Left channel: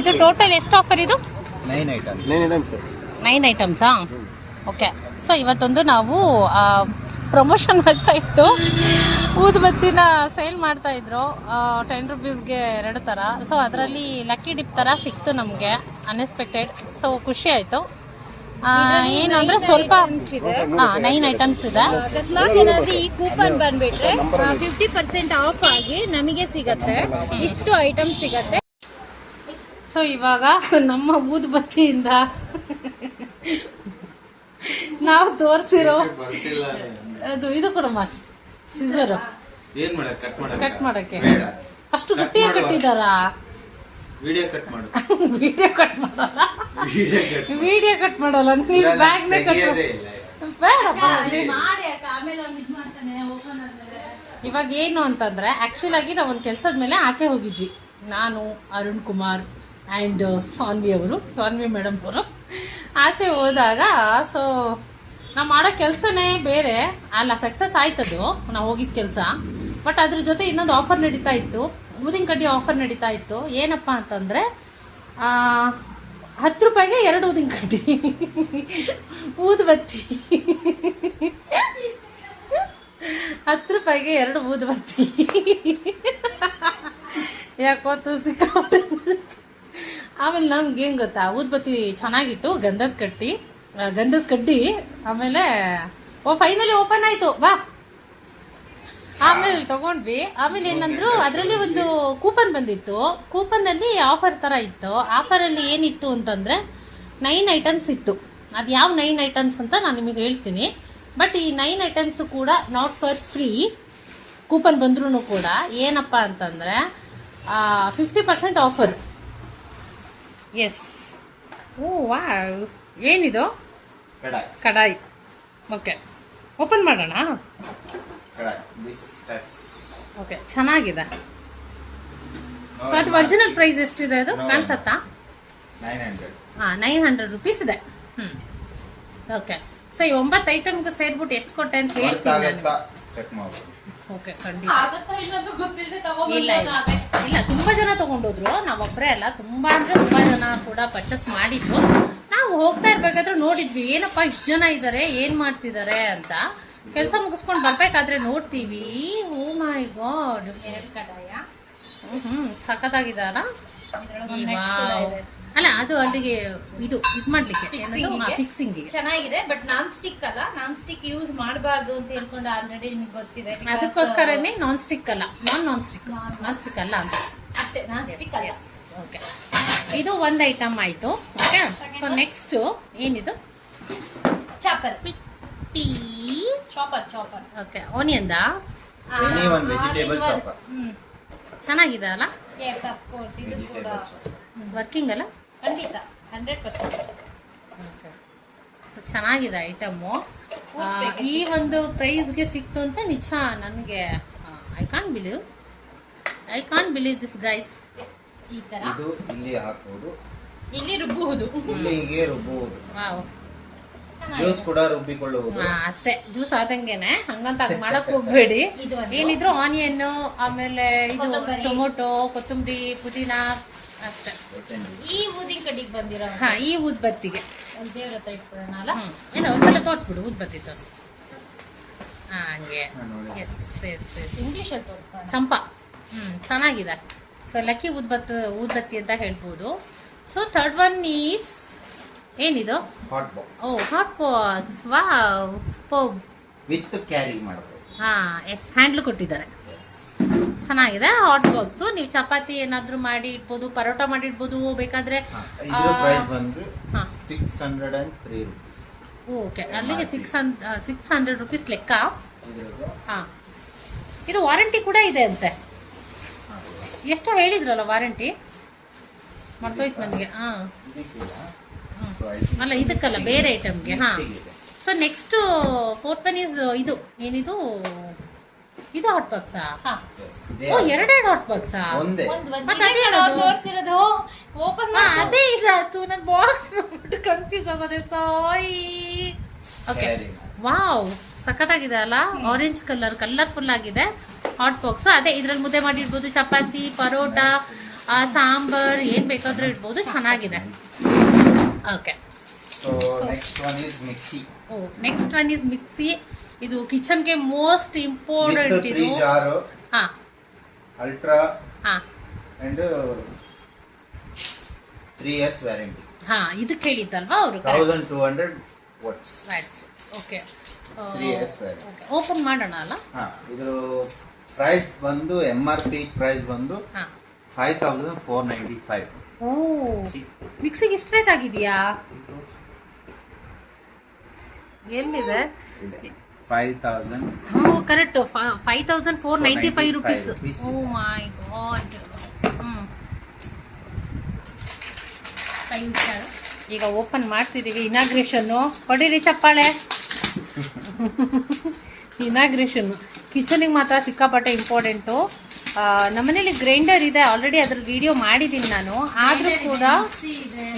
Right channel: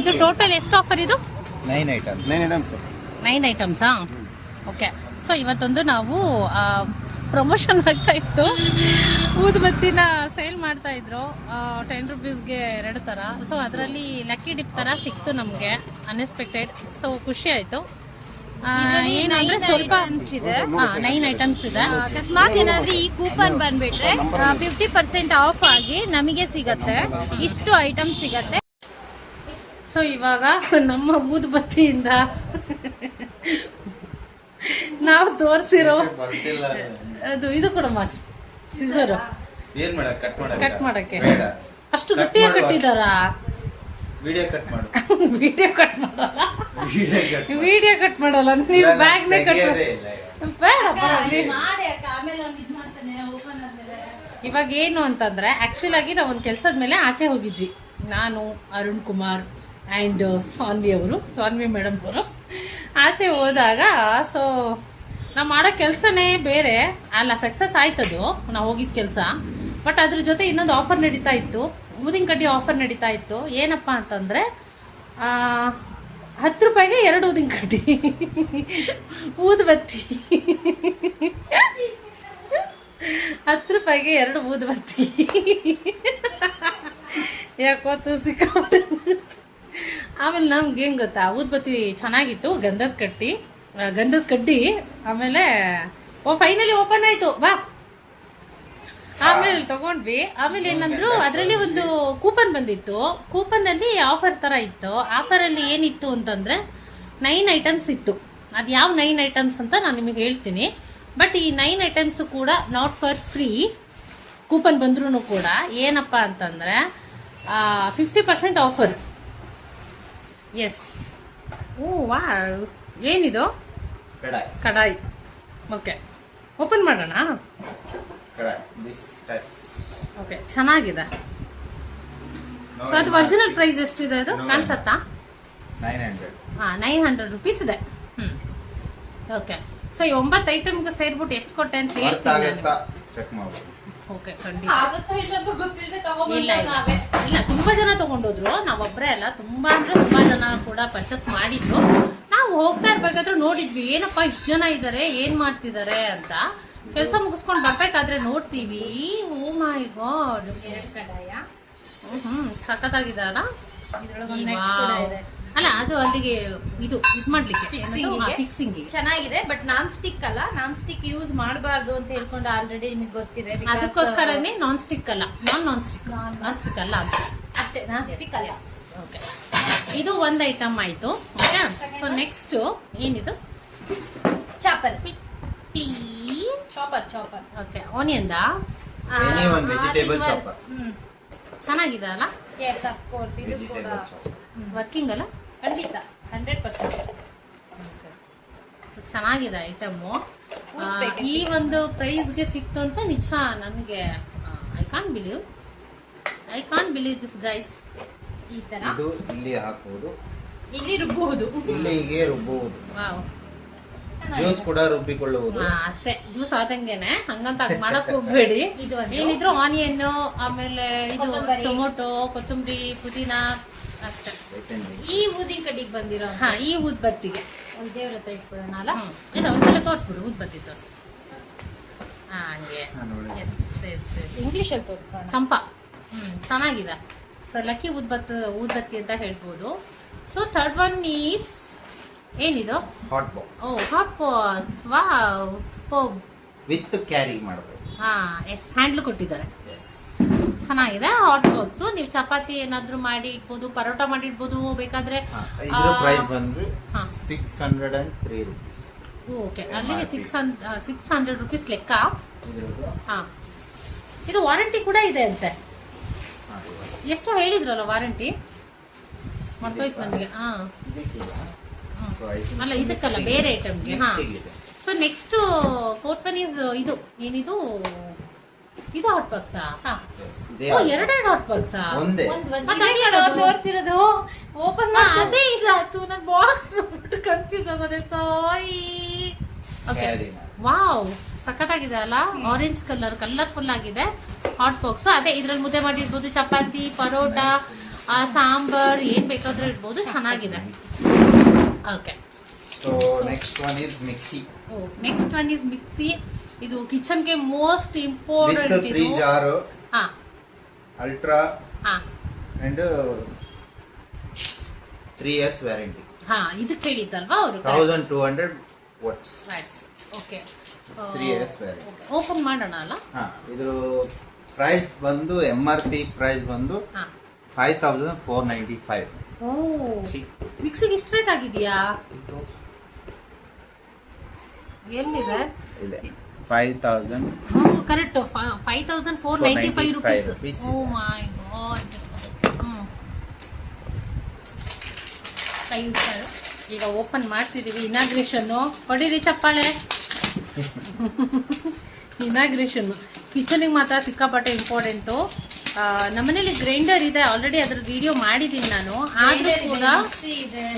ಇದು ಟೋಟಲ್ ಎಷ್ಟು ಆಫರ್ ಇದು? 9 ಐಟಮ್ಸಾ? ಓಕೆ. ಸೊ ಇವತ್ತೊಂದು ನಾವು ಪ್ರಮೋಷನ್ ಆಗ್ತಾ ಇತ್ತು, ಊದುಬತ್ತಿನ ಸೇಲ್ ಮಾಡ್ತಾ ಇದ್ರು 10 ರುಪೀಸ್ಗೆ 2 ಥರ. ಸೊ ಅದರಲ್ಲಿ ಲಕ್ಕಿ ಡಿಪ್ ಥರ ಸಿಕ್ತು ನಮಗೆ, ಅನ್ಎಕ್ಸ್ಪೆಕ್ಟೆಡ್. ಸೊ ಖುಷಿ ಆಯಿತು. ಏನು ಅಂದರೆ ಸ್ವಲ್ಪ 9 ಐಟಮ್ಸ್ ಇದೆ. ಅಕಸ್ಮಾತ್ ಏನಾದರೂ ಈ ಕೂಪನ್ ಬಂದುಬಿಟ್ರೆ 50% ಆಫ್ ಆಗಿ ನಮಗೆ ಸಿಗತ್ತೆ, ಇಷ್ಟು ಐಟಮ್ ಸಿಗತ್ತೆ. ಸೊ ಇವಾಗ ನಮ್ಮ ಊದುಬತ್ತಿಯಿಂದ ನಾವು ತೋರಿಸಿರೋ ಇದು ಕೂಡ ಸಿಸರು ಕಟ್ ಮಾಡಕ್ಕೆ ಅಷ್ಟು ಗಟ್ಟಿಯಾಗಿ ಕಟ್ಟಿದಾರ. ವಿಡಿಯೋ ಕಟ್ ಮಾಡಲ್ಲ ನೀವು, ಬ್ಯಾಗ್ನೇ ಕಟ್ ಇವಾಗ ಏನು ಅಂತಂದ್ರೆ, ಆಕ್ಚುಲ್ ಆಗಿ ನಾವು ಒಂದು ಕೆಲಸದ ಮೇಲೆ ಆಚೆ ಹೋಗಿದ್ವಿ, ನಾನು, ಅರುಣ್ ಕುಮಾರ್ ಆ್ಯಂಡ್ ಸಾನ್ವಿ ಮೇಡಮ್ ಅವರು ಆಚೆ ಹೋದಾಗ. ಸೊ ನಾವು ಮಾಡೋ ಕೆಲಸನೇ ಬೇರೆ ಅಲ್ಲ, ಸಕ್ಸಸ್ ಆಯ್ತದು ನಾವು ಹೋಗಿದ್ದ ಕೆಲಸ. ಬಟ್ ಅದ್ರ ಜೊತೆ ಇನ್ನೊಂದು ಆಫರ್ ನಡೀತಾ ಇತ್ತು, ಊದಿನ ಕಡ್ಡಿ ಆಫರ್ ನಡೀತಾ ಇತ್ತು. ಏನಪ್ಪ ಅಂತಂದರೆ 10 ರೂಪಾಯಿಗೆ 2 ಊದಿನ ಕಡ್ಡಿ ಊದುಬತ್ತಿ. 10 ರೂಪಾಯಿಗೆ 2 ಊದುಬತ್ತಿ. ಯಾಕೋ ಸಿಕ್ಕಾಪಟ್ಟೆ. ಆಮೇಲೆ ನಮ್ಗೆ ಏನು ಗೊತ್ತಾ, ಊದುಬತ್ತಿ ಚೆನ್ನಾಗಿತ್ತು, ಗಂಧದ ಕಡ್ಡಿ. ಆಮೇಲೆ ಫೈನಲಿ ಓಪನ್ ಆಯಿತು, ಬಾ. ಆಮೇಲೆ ತಗೊಂಡ್ವಿ. ಆಮೇಲೆ ಏನಂದ್ರು, ಅದರಲ್ಲಿ ಒಂದು ಕೂಪನ್ ಬಂದಿತ್ತು. ಕೂಪನ್ನಲ್ಲಿ ಆಫರ್ ಥರ ಇತ್ತು. ಆಫರಲ್ಲಿ ಏನಿತ್ತು ಅಂತಂದರೆ 9 ಐಟಮ್ಸ್ ಇತ್ತು. ಅದು ಯಾವ 9 ಐಟಮ್ಸ್ ಅಂತ ನಾನು ನಿಮಗೆ ಹೇಳ್ತೀನಿ. ಬಟ್ ಈ 9 ಐಟಮ್ಸು ಕೂಡ ನಾಟ್ ಫಾರ್ ಫ್ರೀ. ಕೂಪನ್ ಬಂದ್ರೂ ಕೂಡ ಏನಪ್ಪ ಅಂತಂದರೆ 50% ಆಫರ್. ಎಸ್. ವಾ, ಏನಿದು? ಕಡಾಯಿ. ಓಕೆ, ಓಪನ್ ಮಾಡೋಣ. ಓಕೆ, ಚೆನ್ನಾಗಿದೆ. ಸೊ ಅದು ಒರಿಜಿನಲ್ ಪ್ರೈಸ್ ಎಷ್ಟಿದೆ ಅದು ಕಾಣಿಸತ್ತಾ? 900 ರುಪೀಸ್ ಇದೆ. ಓಕೆ. ಸೊ ಈ 9 ಐಟಮ್ಗೆ ಸೇರ್ಬಿಟ್ಟು ಎಷ್ಟು ಕೊಟ್ಟೆ ಅಂತ ಹೇಳ್ತೀನಿ ನಾನು. ಓಕೆ, ಖಂಡಿತ. ಇಲ್ಲ, ತುಂಬಾ ಜನ ತಗೊಂಡೋದ್ರು, ನಾವೊಬ್ಬರೇ ಅಲ್ಲ, ತುಂಬಾ ಜನ ಕೂಡ ಪರ್ಚೇಸ್ ಮಾಡಿದ್ರು. ನಾವು ಹೋಗ್ತಾ ಇರ್ಬೇಕಾದ್ರೆ ನೋಡಿದ್ವಿ, ಏನಪ್ಪಾ ಇಷ್ಟು ಜನ ಇದ್ದಾರೆ, ಏನ್ ಮಾಡ್ತಿದ್ದಾರೆ ಅಂತ. ಕೆಲಸ ಮುಗಿಸ್ಕೊಂಡು ಬರ್ಬೇಕಾದ್ರೆ ನೋಡ್ತೀವಿ, ಓ ಮೈ ಗಾಡ್, ಸಖತ್ತಾಗಿದಾರ. ಅಲ್ಲ, ಅದು ಅಲ್ಲಿಗೆ ಇದು ಮಾಡ್ಲಿಕ್ಕೆ ಫಿಕ್ಸಿಂಗ್ ಚೆನ್ನಾಗಿದೆ. ಬಟ್ ನಾನ್ ಸ್ಟಿಕ್ ಅಲ್ಲ, ನಾನ್ ಸ್ಟಿಕ್ ಯೂಸ್ ಮಾಡಬಾರ್ದು ಅಂತ ಹೇಳ್ಕೊಂಡು ಆಲ್ರೆಡಿ ನಿಮಗೆ ಗೊತ್ತಿದೆ. ಅದಕ್ಕೋಸ್ಕರನೇ ನಾನ್ ಸ್ಟಿಕ್ ಅಲ್ಲ ಅಂತ ಅಷ್ಟೇ, ನಾನ್ ಸ್ಟಿಕ್ ಅಲ್ಲ. ಓಕೆ, ಇದು ಒಂದು ಐಟಮ್ ಆಯ್ತು. ಓಕೆ. ಸೊ ನೆಕ್ಸ್ಟ್ ಏನಿದು? Chopper. Okay, onion vegetable chopper. ಚೆನ್ನಾಗಿದೆ ಅಲ್ಲ? Yes, of course. ಇದು ಕೂಡ ವರ್ಕಿಂಗ್ ಅಲ್ಲ? ಖಂಡಿತ 100%. ಸೊ ಚೆನ್ನಾಗಿದೆ ಐಟಮು. ಈ ಒಂದು ಪ್ರೈಸ್ಗೆ ಸಿಕ್ತು ಅಂತ ನಿಜ ನನಗೆ I can't believe this guys. ಈ ತರ ಇದು ಇಲ್ಲಿ ಹಾಕುವುದು, ಇಲ್ಲಿ ರುಬ್ಬುವುದು, ಇಲ್ಲಿಗೆ ರುಬ್ಬುವುದು. ವಾವ್. ಜ್ಯೂಸ್ ಕೂಡ ರುಬ್ಬಿಕೊಳ್ಳುವುದು. ಅಷ್ಟೇ, ಜ್ಯೂಸ್ ಆದಂಗೆನೆ, ಹಂಗಂತ ಮಾಡಕ್ ಹೋಗ್ಬೇಡಿ. ಏನಿದ್ರು ಆನಿಯನ್, ಆಮೇಲೆ ಇದು ಟೊಮೊಟೊ, ಕೊತ್ತಂಬರಿ, ಪುದೀನ ಅಷ್ಟೇ. ಈ ಊದಿನ ಕಡ್ಡಿಗೆ ಬಂದಿರೋ ಈ ಊದ್ಬತ್ತಿಗೆ ದೇವ್ರ ಹತ್ರ ಇಟ್ಕೊಳ್ಳೋಣ ಅಲ್ಲ? ಇಲ್ಲ, ಒಂದ್ಸಲ ತೋರಿಸ್ಬಿಡು, ಊದ್ಬತ್ತಿ ತೋರಿಸಿ. ಹಂಗೆ ಇಂಗ್ಲಿಷಲ್ಲಿ ತೋರಿಸ್ಕೊಳ್ಳೋಣ. ಚಂಪಾ. ಚೆನ್ನಾಗಿದೆ. ಸೊ ಲಕ್ಕಿ ಊದ್ಬತ್ತಿ ಅಂತ ಹೇಳ್ಬೋದು. ಸೊ ಥರ್ಡ್ ಒನ್ ಈಸ್ ಏನಿದು? Hot box. Hot box. Wow, super. With carry ಮಾಡಬಹುದು. ಎಸ್, ಹ್ಯಾಂಡ್ಲ್ ಕೊಟ್ಟಿದ್ದಾರೆ. ಚೆನ್ನಾಗಿದೆ ಹಾಟ್ ಬಾಕ್ಸ್. ನೀವು ಚಪಾತಿ ಏನಾದ್ರೂ ಮಾಡಿ ಇಡ್ಬೋದು, ಪರೋಟ ಮಾಡಿ ಇಡ್ಬೋದು ಬೇಕಾದ್ರೆ. ಇದರ ಪ್ರೈಸ್ ಬಂದು 603 ರೂಪೀಸ್. ಓಕೆ, ಅಲ್ಲಿಗೆ 600 ರೂಪೀಸ್ ಲೆಕ್ಕ. ಇದು ವಾರಂಟಿ ಕೂಡ ಇದೆ ಅಂತೆ. ಎಷ್ಟು ಹೇಳಿದ್ರಲ್ಲ ವಾರಂಟಿ, ಮರ್ತೋಯ್ತು ನನಗೆ. ಅಲ್ಲ, ಇದಕ್ಕಲ್ಲ, ಬೇರೆ ಐಟಮ್ಗೆ. So next fourth one is ಇದು ಏನಿದು? ಇದು ಹಾಟ್ ಬಾಕ್ಸಾ? ಎರಡೆರಡು ಹಾಟ್ ಬಾಕ್ಸಾ? ಅದೇ ಇದಾಯ್ತು, ನನ್ನ ಬಾಕ್ಸ್ ಕನ್ಫ್ಯೂಸ್ ಆಗೋದೆ. ಸಾರಿ. ಓಕೆ, ವಾವ್, ಸಖತ್ತಾಗಿದೆ ಅಲ್ಲ? ಆರೆಂಜ್ ಕಲರ್ಫುಲ್ ಆಗಿದೆ. ಹಾಟ್ ಬಾಕ್ಸ್ ಅದೇ ಇದ್ರಲ್ಲಿ ಮುದ್ದೆ ಮಾಡಿರ್ಬೋದು, ಚಪಾತಿ, ಪರೋಟ, ಸಾಂಬಾರ್ ಏನ್ ಬೇಕಾದ್ರೂ ಇಡ್ಬೋದು. ಚೆನ್ನಾಗಿದೆ. Okay, so next one is mixie. Next one is mixie. ಇದು ಕಿಚನ್ಗೆ ಮೋಸ್ಟ್ ಇಂಪಾರ್ಟೆಂಟ್. ವಿತ್ 3 ಜಾರ್, ಹಾ ಅಲ್ಟ್ರಾ ಹಾ ಅಂಡ್ 3 years ವ್ಯಾರಂಟಿ. ಹಾ ಇದು ಕೇಳಿದ್ದಲ್ವಾ ಅವರು? 1200 watts. Okay, 3 years warranty. Open ಮಾಡೋಣ ಅಲ್ಲ? ಹಾ, ಇದು ಪ್ರೈಸ್ ಬಂದು MRP ಪ್ರೈಸ್ ಬಂದು 5495. ಓ, ಮಿಕ್ಸಿಗೆ ಎಷ್ಟು ರೇಟ್ ಆಗಿದೆಯಾ? ಎಲ್ಲಿದೆ? 5000. Correct, 5495 rupees. O my god. ಈಗ ಓಪನ್ ಮಾಡ್ತಿದೀವಿ. ಇನಾಗ್ರೇಷನ್ ಹೊಡೀರಿ ಚಪ್ಪಾಳೆ. ಇನಾಗ್ರೇಷನ್ ಕಿಚನಿಗೆ ಮಾತ್ರ ಸಿಕ್ಕಾಪಟ್ಟೆ ಇಂಪಾರ್ಟೆಂಟು. ನಮ್ಮನೇಲಿ ಗ್ರೈಂಡರ್ ಇದೆ ಆಲ್ರೆಡಿ, ಅದ್ರ ವಿಡಿಯೋ ಮಾಡಿದ್ದೀನಿ ನಾನು. ಆದ್ರೂ ಕೂಡ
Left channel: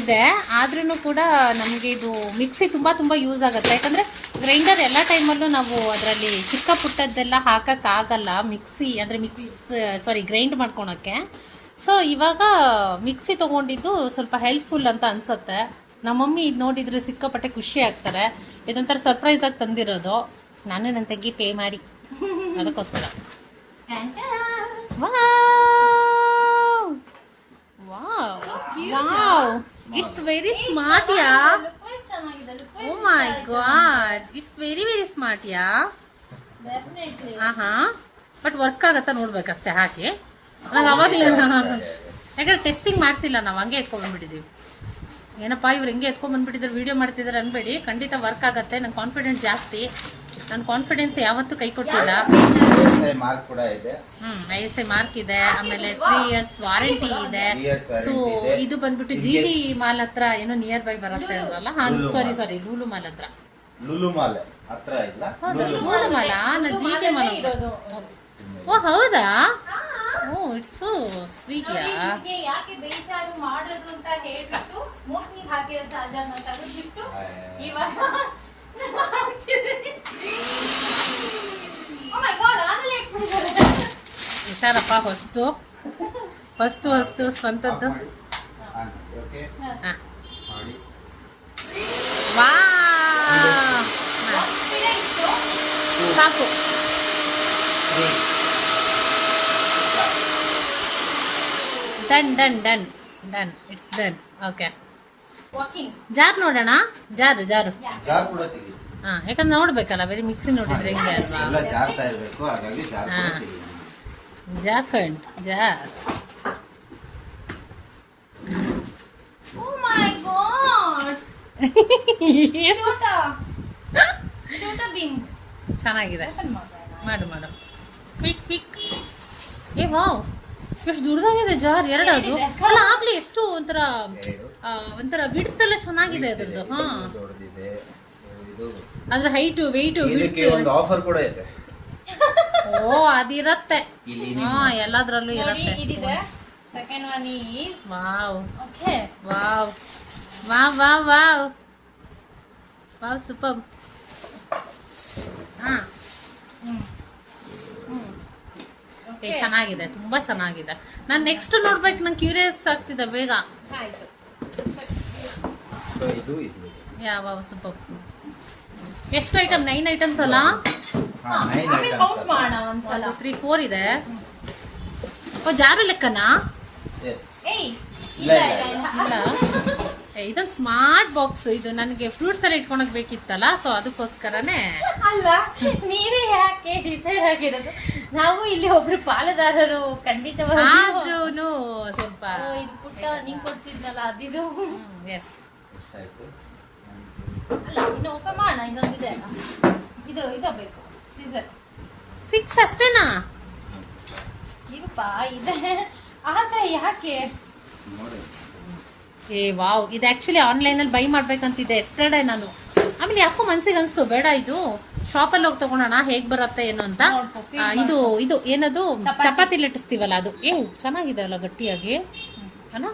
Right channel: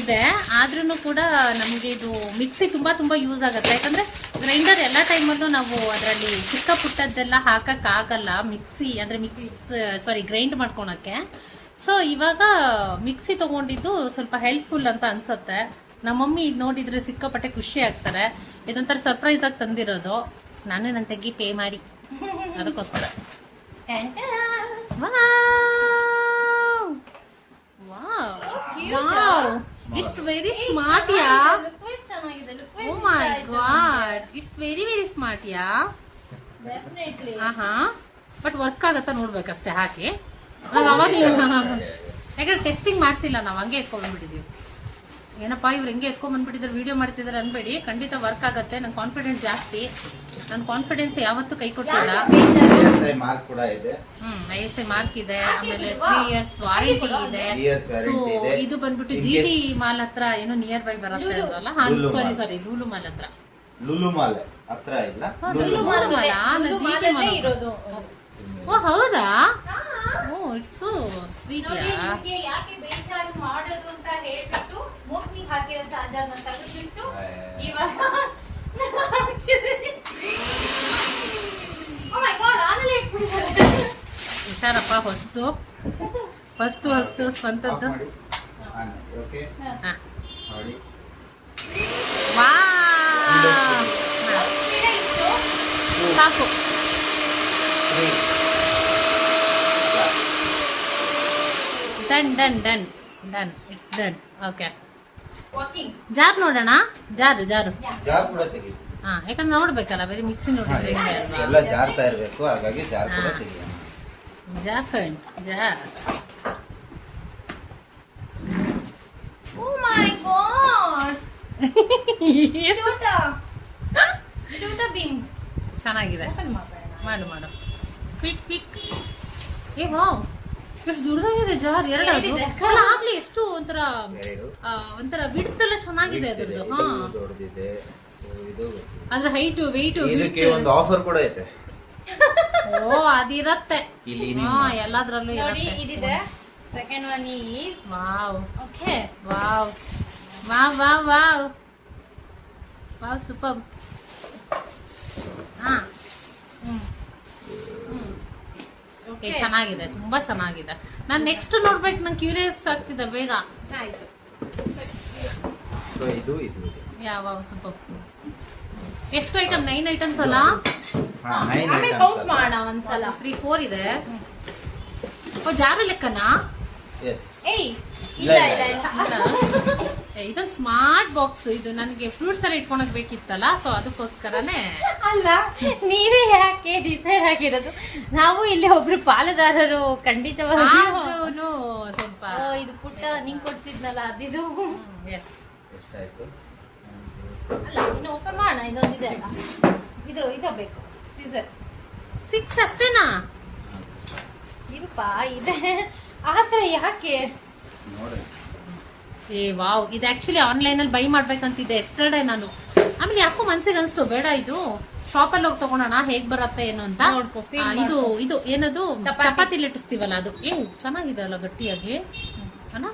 ಇದೆ, ಆದ್ರೂ ಕೂಡ ನಮಗೆ ಇದು ಮಿಕ್ಸಿ ತುಂಬಾ ಯೂಸ್ ಆಗುತ್ತೆ. ಯಾಕಂದ್ರೆ ಗ್ರೈಂಡರ್ ಎಲ್ಲ ಟೈಮಲ್ಲೂ ನಾವು ಅದರಲ್ಲಿ ಚಿಕ್ಕ ಪುಟ್ಟದ್ದೆಲ್ಲ ಹಾಕಕ್ಕಾಗಲ್ಲ, ಮಿಕ್ಸಿ ಅಂದ್ರೆ ಗ್ರೈಂಡ್ ಮಾಡ್ಕೊಳಕ್ಕೆ. ಸೊ ಇವಾಗ ಮಿಕ್ಸಿ ತಗೊಂಡಿದ್ದು ಸ್ವಲ್ಪ ಹೆಲ್ಪ್ಫುಲ್ ಅಂತ ಅನ್ಸುತ್ತೆ. ನಮ್ಮ ಮಮ್ಮಿ ಇದು ನೋಡಿದ್ರೆ ಸಿಕ್ಕಾಪಟ್ಟೆ ಖುಷಿ ಆಗ್ತಾರೆ. ಇದೊಂಥರ ಸರ್ಪ್ರೈಸ್ ಆಗಿ ತಂದಿರೋದು, ನಾನು ನನ್ನ ತಂಗಿ ಪೇ ಮಾಡಿ ಅದಕ್ಕೋಸ್ಕರ. Wow wow, it's very smart yeah. Oh my god, it's very smart yeah. ಹಾ, ಬಟ್ ವರ್ಕ್ ಆಗತ್ತಾ ನೋಡ್ಬೇಕಷ್ಟೇ ಹಾಕಿ. ನಂಗೆ ಅವಾಗಲೇ, ಯಾಕಂದ್ರೆ ಟೆಸ್ಟಿಂಗ್ ಮಾಡ್ಸಿಲ್ಲ ನಾವು, ಹಂಗೆ ಎತ್ಕೊಂಡ್ಬಂದ್ಬಿಟ್ಟಿದೀವಿ. ಏನಪ್ಪಾ ಇವ್ರು ಹೆಂಗೆ ಎತ್ಕೊಂಡ್ಬಂದ್ಬಿಟ್ಟಿದ್ರು ವಿಡಿಯೋ ಮಾಡ್ತಿದ್ದಾರೆ ಅನ್ಬೇಡಿ, ಖಂಡಿತ ವರ್ಕ್ ಆಗತ್ತೆ. ನನ್ ಕಾನ್ಫಿಡೆನ್ಸ್ ಜಾಸ್ತಿ, ನನ್ನ ಕಾನ್ಫಿಡೆನ್ಸ್ ಯಾವತ್ತೂ ಕೈ ಕೊಟ್ಟಿಲ್ಲ. ISI ಮಾರ್ಕ್ ಕೂಡ ಇದೆ. ISI ಮಾರ್ಕ್ ಇದೆ, ಆಮೇಲೆ 3 years ವಾರಂಟಿ ಇದೆ. 3 years warranty ಸೊ ಇದೆ. ಇದು ಬಂದ್ಬಿಟ್ಟು GT ಮಾಲ್ ಹತ್ರ ಏನೋ ನಿಯರ್ ಬೈ ಬರುತ್ತೆ ಅಲ್ವಲ್ಲ? ಸಾರಿ ಲೂಲು ಮಾಲ್ ಹತ್ರ. ಲುಲು ಮಾಲ್ ಹತ್ರ ಇಲ್ಲ, ಲೂಲು ಮಾಲ್, GT ಮಾಲ್ ಇರೋದು. ಓ ಹೌದಾ? ಓ, ಇಟ್ಸ್ ಸೋ ಸ್ವೀಟ್ ಯಾ. ಯಾಕೆ ಬೇಜಾರು ಮಾಡೋದು ಅಂತ ಹೇಳ್ಬಿಟ್ಟು ಸ್ಮೋಕಿಂಗ್ ಹಾಕಿರೋ ಚಾರ್ಜರ್ ನ ತೆಗೆದ್ಬಿಟ್ಟು ಇವಾಗ ಓ ಮೈ ಗಾಡ್, ಆನಲ್ಲೇ ಇಟ್ಬಿಟ್ಟಿದ್ದಾರೆ. ಹುಷಾರಪ್ಪ, ಹೊಸ್ತು ಸ್ವಂತದ್ದು. ಓಕೆ, ಹಾ, ನೋಡಿ. ವಾವ್, ಸಾಕು. Done, it's done. Okay, jar ನೋಡೋಣ. ಜಾರು ಜಾರ್ ಕೂಡ ತೆಗೀತು. ಹಾ, ಯಾಕಂದ್ರೆ ನೋಡ್ಬೇಕಲ್ಲ, ಬರೀ ಮಿಕ್ಸಿ ನೋಡಿದ್ರೆ ಎಲ್ಲ ಜಾರ್ತಾ ಇರ್ಬೇಕು, ಹಾಗಾಗಿ ಜಾರ್ ಕೂಡ ತೆಗೀತು. Jar friend, jar. Oh my god, ಎಷ್ಟು ಚೋಟಾ ಭೀಮ್ ಚೆನ್ನಾಗಿದೆ. ಮಾಡು ಕ್ವಿಕ್. ಏ ವಾವ್, ಎಷ್ಟು ದೊಡ್ಡದಾಗಿದೆ ಜಾರ್. ಎರಡದು ಅಲ್ಲ, ಆಗ್ಲಿ ಎಷ್ಟು ಒಂಥರ ಬಿಡ್ತಲ್ಲ ಚೆನ್ನಾಗಿದೆ ಅದ್ರದ್ದು. ಹಾ, ದೊಡ್ಡದಿದೆ. ಇದು ಅದ್ರ ಹೈಟ್ ವೆಯ್ಟ್ ಇದಕ್ಕೆ ಒಂದು ಆಫರ್ ಕೂಡ ಇದೆ. ಓ, ಅದಿರತ್ತೆ. ಇಲ್ಲಿ ಹಾ, ಎಲ್ಲದ್ರಲ್ಲೂ ಇರತ್ತೆ. ಇದಿದೆ. Second one is wow, okay, wow, super. ಹಾ, ಚೆನ್ನಾಗಿದೆ, ತುಂಬಾ ಚೆನ್ನಾಗಿದೆ. ನಾನ್ ನೆಕ್ಸ್ಟ್ ನೋಡ್ಬೇಕು, ನಂಗೆ ಕ್ಯೂರಿಯಸ್ ಆಗ್ತಿದೆ ಬೇಗ. ಆಯ್ತು. ಸೊ ಇದು ಯಾವ ಸೂಪರ್. ಎಷ್ಟು ಐಟಮ್? 9 ಐಟಮ್ಸ್ ಅಲ್ಲ? 9 ಕೌಂಟ್ ಐಟಮ್ಸ್. ಮಾಡೋಣ ಒಂದ್ಸಲ. 3, 4 ಇದೆ. ಓ, ಜಾರು ಲೆಕ್ಕನಾ? ಎಸ್. ಏಯ್, ಇಲ್ಲ. ಇದೊಂದು ಸ್ಮಾರ್ಟ್ ಬಾಕ್ಸ್. ಇದು ನನಗೆ ಫ್ರೂಟ್ಸ್ ಎಲ್ಲ ಇಟ್ಕೊಳಕ್ ಬೇಕಿತ್ತಲ್ಲ, ಸೊ ಅದಕ್ಕೋಸ್ಕರನೇ. ಅಲ್ಲ, ನೀವೇ ಯಾಕೆ ಡಿಸೈಡ್ ಆಗಿರೋದು? ನಾವು ಇಲ್ಲಿ ಒಬ್ರು ಪಾಲುದಾರರು ಖಂಡಿತವಾಗಿ. ಆದ್ರೂನು ಸ್ವಲ್ಪ ಇದು ಪುಟ್ಟ ನಿಂಗ್ ಕೊಡ್ತಿದ್ನಲ್ಲ ಅದಿದು. ಎಸ್, ಎಷ್ಟಾಯ್ತು? ಅಲ್ಲ, ಇನ್ನು ಓಪನ್ ಮಾಡೋಣ. ಇನ್ನೊಂದಿದೆ, ಇದು ಬೇಕು, ಸೀಸರ್. 6 ಅಷ್ಟೇನಾ? ಇರುಪ್ಪ ಇದೆ, ಆದ್ರೆ ಯಾಕೆ? ನೋಡಿ. ಏ ವಾವ್, ಇದು ಆಕ್ಚುಲಿ ಆನ್ಲೈನ್ ಅಲ್ಲಿ ಬೈ ಮಾಡ್ಬೇಕಂತಿದ್ದೆ ಎಸ್ಟರ್ಡೇ ನಾನು. ಆಮೇಲೆ ಯಾಕೋ ಮನ್ಸಿಗೆ ಅನ್ಸ್ತು, ಬೇಡ ಇದು ಶಾಪಲ್ಲಿ ಹೋಗಿ ತಗೊಳೋಣ, ಹೇಗ್ ಬರತ್ತೆ ಏನು ಅಂತ. ಇದು ಏನದು ಚಪಾತಿ ಲಟ್ಟಿಸ್ತೀವಲ್ಲ ಅದು. ಚೆನ್ನಾಗಿದೆ ಅಲ್ಲ, ಗಟ್ಟಿಯಾಗಿ. ಅಲ್ಲ,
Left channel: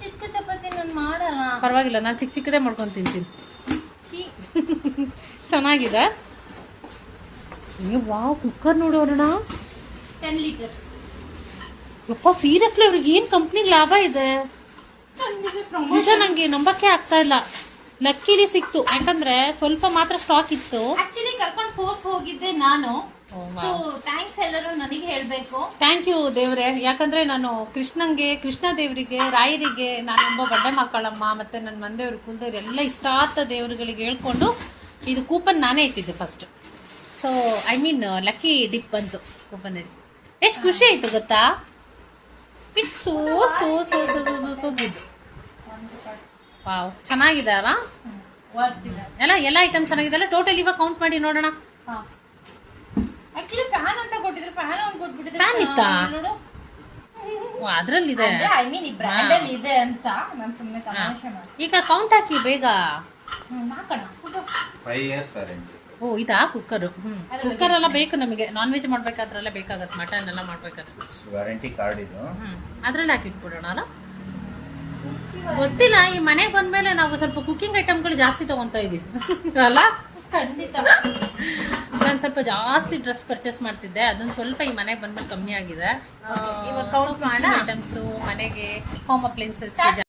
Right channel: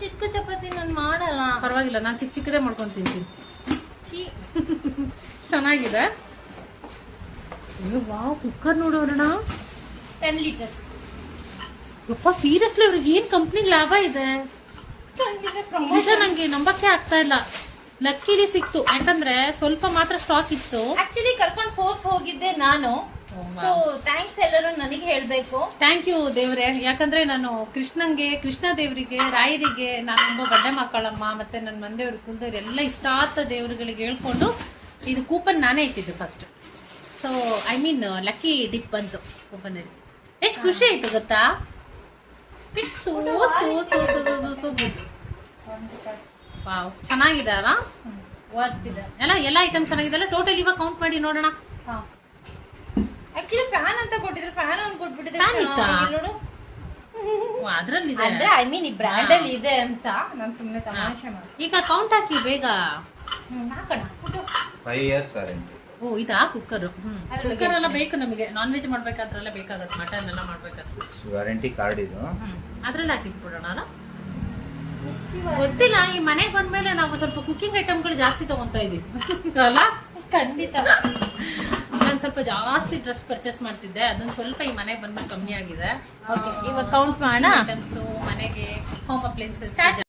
ಚಿಕ್ಕ ಚಪಾತಿ ನಾನು ಮಾಡಲ್ಲ. ಪರವಾಗಿಲ್ಲ, ನಾನು ಚಿಕ್ಕದೇ ಮಾಡ್ಕೊಂಡು ತಿಂತೀನಿ. ಚೆನ್ನಾಗಿದೆ. ವಾವ್, ಕುಕ್ಕರ್ ನೋಡೋಣ. 10 ಲೀಟರ್ಸ್. ಯಪ್ಪ, ಸೀರಿಯಸ್ಲಿ ಅವ್ರಿಗೆ ಏನ್ ಕಂಪ್ನಿಗೆ ಲಾಭ ಇದೆ ನಿಜ, ನಂಗೆ ನಂಬಕ್ಕೆ ಆಗ್ತಾ ಇಲ್ಲ. ಲಕ್ಕಿಲಿ ಸಿಕ್ತು, ಯಾಕಂದ್ರೆ ಸ್ವಲ್ಪ ಮಾತ್ರ ಸ್ಟಾಕ್ ಇತ್ತು. ಆಕ್ಚುಲಿ ಕರ್ಕೊಂಡು ಫೋರ್ಸ್ ಹೋಗಿದ್ದೆ ನಾನು. ಸೊ ಥ್ಯಾಂಕ್ಸ್ ಎಲ್ಲರೂ ನನಗೆ ಹೇಳ್ಬೇಕು. ಥ್ಯಾಂಕ್ ಯು ದೇವ್ರೆ, ಯಾಕಂದ್ರೆ ನಾನು ಕೃಷ್ಣ ದೇವರಿಗೆ, ರಾಯರಿಗೆ, ನಾನೊಬ್ಬ ಬಡ್ಡೆ ಮಕ್ಕಳಮ್ಮ, ಮತ್ತೆ ನನ್ನ ಮಂದೇವ್ರ ಕುಲದೇವ್ರು ಎಲ್ಲ ಇಷ್ಟ ಆದ ದೇವ್ರುಗಳಿಗೆ ಹೇಳ್ಕೊಂಡು ಇದು ಕೂಪನ್ ನಾನೇ ಇಟ್ಟಿದ್ದೆ first. So I mean lucky drip ಬಂತು ಕೂಪನ್. ಎಷ್ಟು ಖುಷಿ ಆಯ್ತು ಗೊತ್ತಾ? It's so so so so good. Wow, ಚೆನ್ನಾಗಿದೆ ಅಲ್ಲ? ಎಲ್ಲ ಐಟಮ್ ಚೆನ್ನಾಗಿದೆ. ಟೋಟಲ್ ಇವಾಗ ಕೌಂಟ್ ಮಾಡಿ ನೋಡೋಣ. ಆಕ್ಚುಲಿ ಫ್ಯಾನ್ ಅಂತ ಕೊಟ್ಟಿದ್ರು, ಫ್ಯಾನ್ ಅವ್ನು ಕೊಟ್ಬಿಟ್ಟಿದ್ರೆ. ಫ್ಯಾನ್ ಇತ್ತಾ? ನೋಡು, ಅದ್ರಲ್ಲಿದೆ. ಐ ಮೀನ್ ಈ ಬ್ರ್ಯಾಂಡ್ ಅಲ್ಲಿ ಇದೆ ಅಂತ ನಾನು ಸುಮ್ಮನೆ ತಮಾಷೆ ಮಾಡಿ. ಈಗ ಕೌಂಟ್ ಹಾಕಿ ಬೇಗ. ಹಾಕೋಣ. 5 years ವಾರಂಟಿ. ಓ, ಇದಾ ಕುಕ್ಕರ್? ಕುಕ್ಕರ್ ಎಲ್ಲ ಬೇಕು ನಮಗೆ. ನಾನ್ ವೆಜ್ ಮಾಡ್ಬೇಕಾದ್ರೆಲ್ಲ ಬೇಕಾಗತ್ತೆ, ಮಟನ್ ಎಲ್ಲ ಮಾಡ್ಬೇಕಾದ್ರೆ. ವಾರಂಟಿ ಕಾರ್ಡ್ ಇದು. ಅದ್ರಲ್ಲಿ ಹಾಕಿಟ್ಬಿಡೋಣ ಅಲ್ಲ? ಗೊತ್ತಿಲ್ಲ, ಈ ಮನೆಗೆ ಬಂದ್ಮೇಲೆ ನಾವು ಸ್ವಲ್ಪ ಕುಕಿಂಗ್ ಐಟಮ್ಗಳು ಜಾಸ್ತಿ ತಗೊಂತ ಇದೀವಿ ಅಲ್ಲ? ಖಂಡಿತ. ನಾನು ಸ್ವಲ್ಪ ಜಾಸ್ತಿ ಡ್ರೆಸ್ ಪರ್ಚೇಸ್ ಮಾಡ್ತಿದ್ದೆ, ಅದೊಂದು ಸ್ವಲ್ಪ ಈ ಮನೆಗೆ ಬಂದ್ಮೇಲೆ ಕಮ್ಮಿ ಆಗಿದೆ. ಇವಾಗ ಕೌಂಟ್ ಮಾಡೋಣ. ಐಟಮ್ಸ್ ಮನೆಗೆ, ಹೋಮ್ ಅಪ್ಲೈನ್ಸಸ್